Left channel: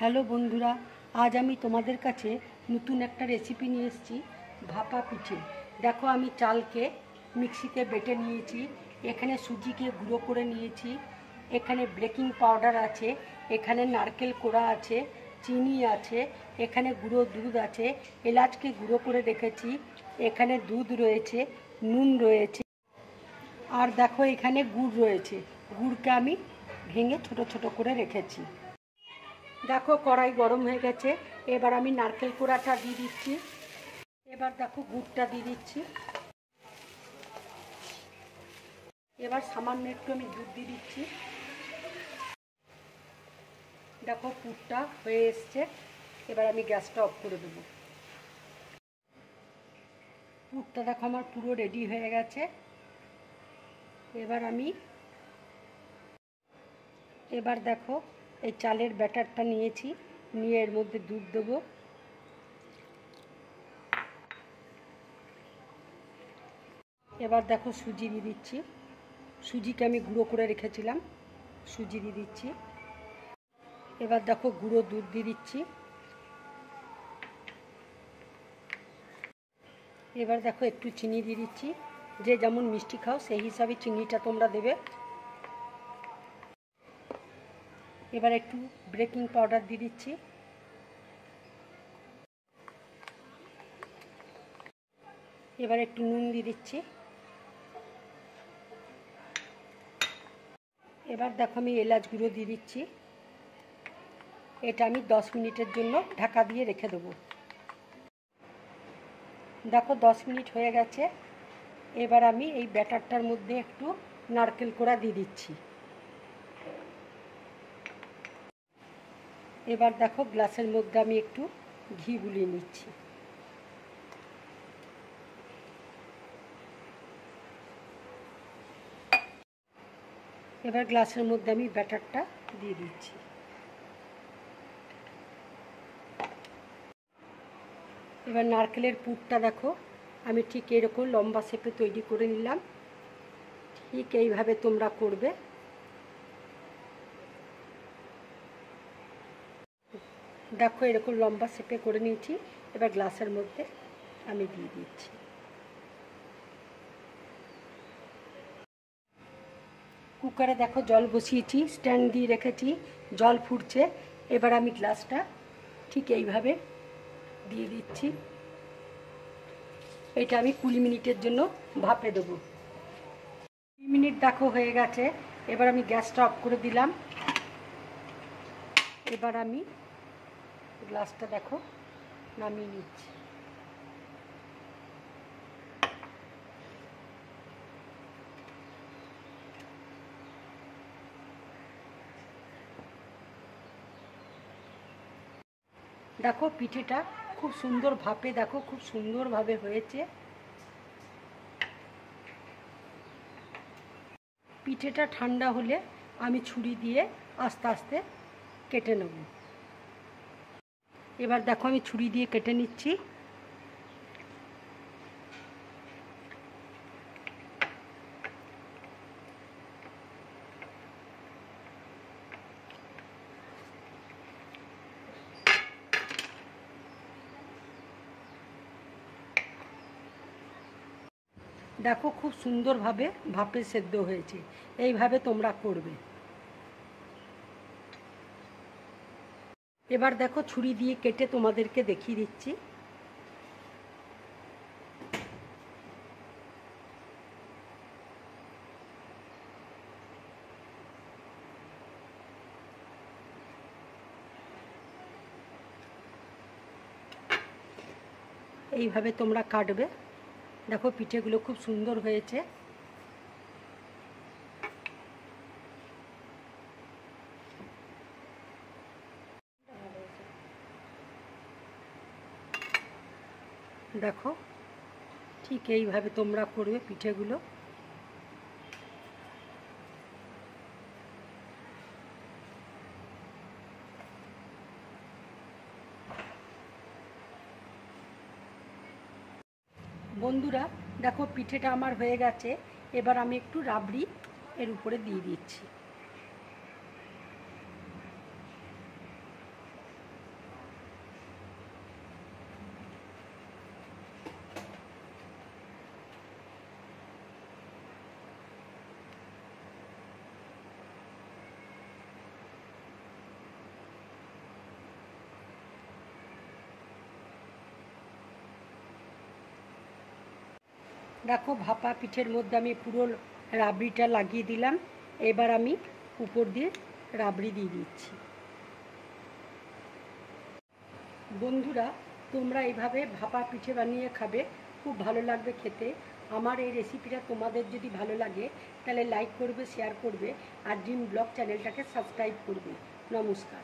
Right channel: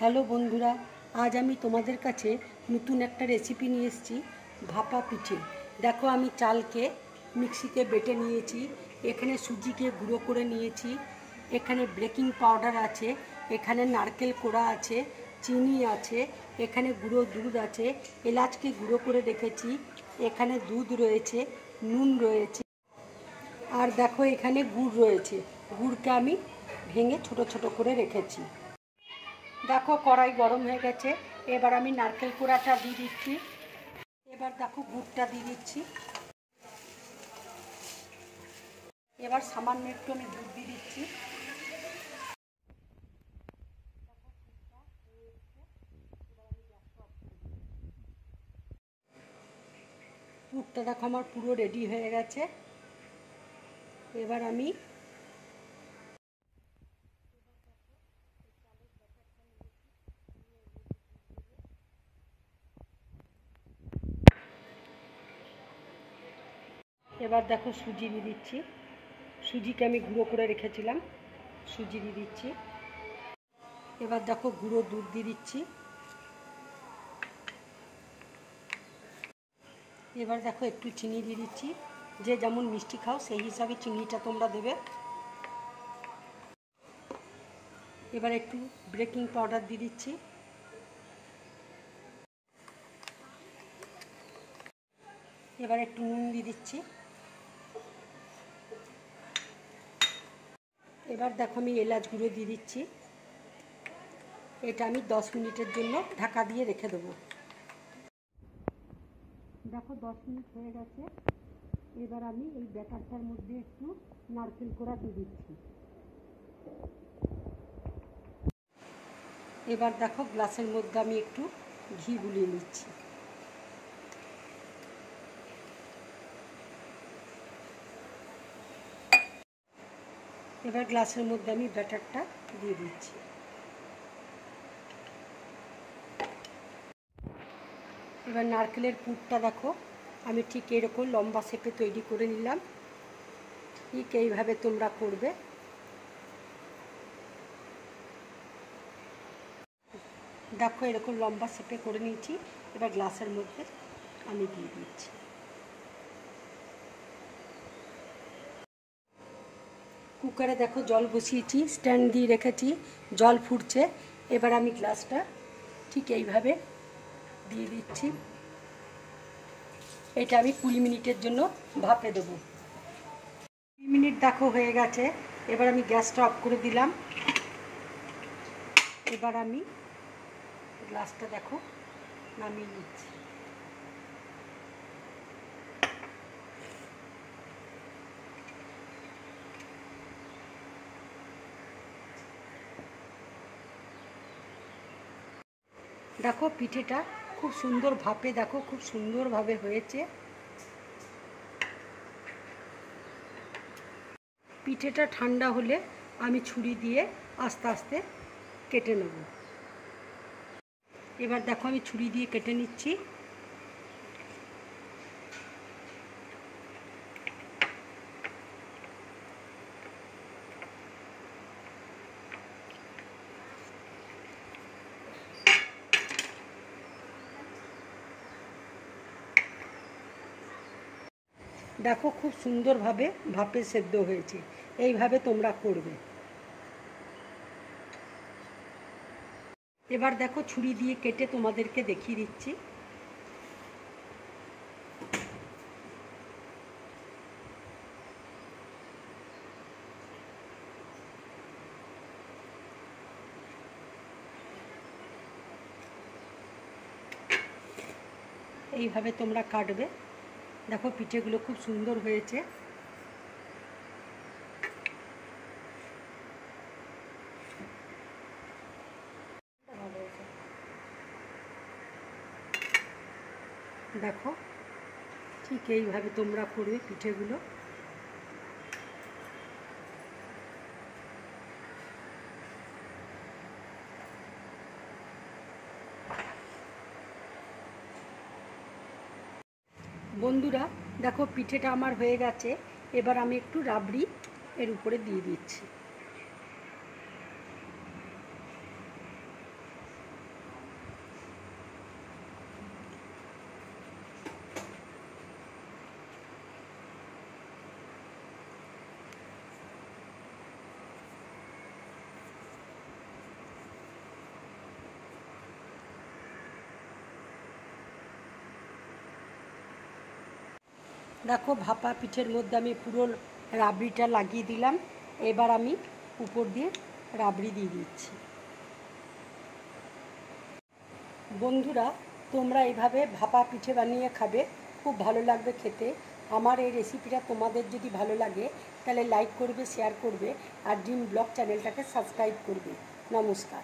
Hello বন্ধুরা, আজ আমি তোমাদের কাছে নতুন একটা রেসিপি নিয়ে এসেছি, ভাপা পিঠে। দেখো, আমি চালকে মিক্সিতে বেটে নিয়েছি, এখানে সুজিকে গুঁড়ো করে নিয়েছি, এখানে বেকিং পাউডার আছে, এখানে নারকেল কোড়া আছে, চিনি আছে, এখানে গুঁড়ো দুধ আছে, এলাচকে গুঁড়ো করে রেখেছি, এখানে দুধ রয়েছে, নুন রয়েছে, আর দেখো এখানে গুড় রয়েছে। গুড়কে আমি ভেঙে ছোট ছোট করে রেখেছি। দেখো কড়াই গরম হয়ে গেছে, এবার আমি নারকেল কোড়াটা দিয়ে দিচ্ছি। এবার দেখো গুড়টা দিয়ে দিচ্ছি। এবার সামান্য একটু আমি দুধ দিয়ে দিচ্ছি। দেখো পুরটা হয়ে এসছে, এবার আমি গ্যাসটা অফ করে দেবো। পুরটা দেখো আমার পুরো রেডি হয়ে গেছে। এবার দেখো এই চালের ব্যাটারটা নিয়েছি, নিয়ে এর মধ্যে দুধ দেবো। এবার দেখো সুজি দিয়ে দিচ্ছি, সুজিকে আমি গুঁড়ো করে রেখেছিলাম, সুজি দিয়ে দিচ্ছি। এবার দেখো গুঁড়ো দুধ দিয়ে দিচ্ছি। এবার দেখো একটু চিনি দিয়ে দিচ্ছি, যে যেমন মিষ্টি খাও সেই হিসাবে চিনিটা তোমরা দেবে। এবার একটু বেকিং পাউডার দিয়ে দিচ্ছি। এবার একটু নুন দিয়ে দিচ্ছি। এবার দেখো আমি এলাচ গুঁড়ো দিয়ে দিচ্ছি। এটা আমি 10 মিনিটের জন্য ঢাকা দিয়ে রেখে দেবো। দেখো 10 মিনিট হয়ে গেছে। এবার আমি এই ব্যাটারটার মধ্যে একটু নারকেল কোড়া দিয়ে দিচ্ছি। এবার দেখো গ্লাসের মধ্যে আমি একটু ঘি গুলিয়ে নিচ্ছি। এবার গ্লাসের মধ্যে আমি ব্যাটারটা দিয়ে দিচ্ছি। এবার নারকেলের পুরটা দেখো আমি ঠিক এরকম লম্বা শেপে তৈরি করে নিলাম। ঠিক এইভাবে তোমরা করবে। দেখো এরকম লম্বা শেপে করে নিয়েছি। এবার গ্লাসের মধ্যে আমি দিয়ে দিচ্ছি। কুকারে দেখো জল বসিয়েছি, স্ট্যান্ড দিয়ে রেখেছি, জল ফুটছে। এবার আমি গ্লাসটা ঠিক এইভাবে দিয়ে দিচ্ছি। এটা আমি 20 মিনিটের জন্য ভাপে দেবো। 20 মিনিট দেখো হয়ে গেছে। এবার আমি গ্যাসটা অফ করে দিলাম। এবার আমি গ্লাসটা দেখো নামিয়ে নিচ্ছি। দেখো পিঠেটা খুব সুন্দর ভাপে, দেখো খুব সুন্দরভাবে হয়েছে। পিঠেটা ঠান্ডা হলে আমি ছুরি দিয়ে আস্তে আস্তে কেটে নেব। এবার দেখো আমি ছুরি দিয়ে কেটে নিচ্ছি। দেখো খুব সুন্দরভাবে ভাপে সেদ্ধ হয়েছে। এইভাবে তোমরা করবে। এবার দেখো ছুরি দিয়ে কেটে তোমাদেরকে দেখিয়ে দিচ্ছি। এইভাবে তোমরা কাটবে। দেখো পিঠেগুলো খুব সুন্দর হয়েছে। দেখো ঠিক এইভাবে তোমরা করবে পিঠেগুলো। বন্ধুরা দেখো পিঠেটা আমার হয়ে গেছে। এবার আমি একটু রাবড়ি এর উপরে দিয়ে দিচ্ছি। দেখো ভাপা পিঠের মধ্যে আমি পুরো রাবড়িটা লাগিয়ে দিলাম। এবার আমি উপর দিয়ে রাবড়ি দিয়ে দিচ্ছি। বন্ধুরা, তোমরা এইভাবে ভাপা পিঠে বানিয়ে খাবে, খুব ভালো লাগবে খেতে। আমার এই রেসিপিটা তোমাদের যদি ভালো লাগে তাহলে লাইক করবে, শেয়ার করবে আর ড্রিম ব্লগ চ্যানেলটাকে সাবস্ক্রাইব করবে। নমস্কার।